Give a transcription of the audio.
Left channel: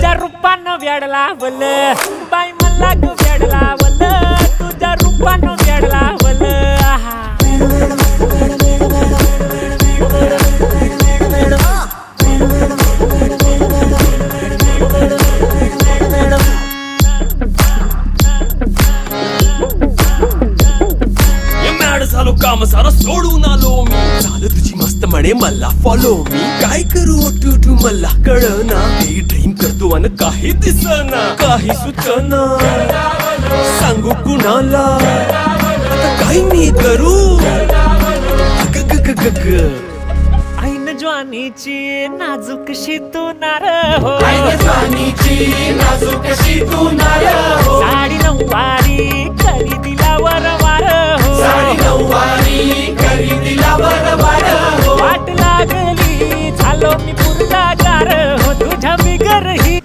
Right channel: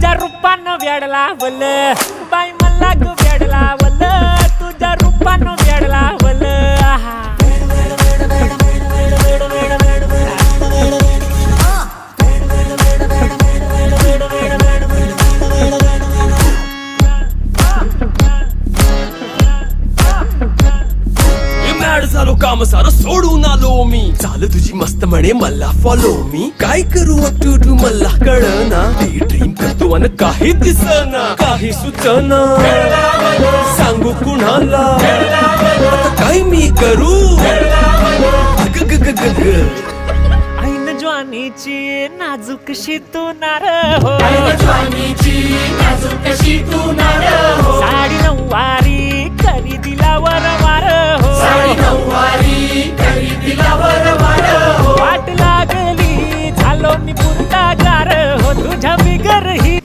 तुझ्या रूपानं वेड लावल बाई मला ग वेड लावल तुझ्या रूपानं वेड लावल आहा झालो काम सारं सोडून आलो मी चाल तुझी मस्त म्हणे मला फॉलो मी काय करू टू मला कळना ड्रीम करतो आणि काही दिसना काही सुचना सांगू कुणाला आता काय मी करू ऐन ज्वानीची नाजूकशी तू नार हो साडी नऊवारी करी दिला वरवार हो वाट लागली झालो मी पुरता गार हो तुझ्या बिगर ही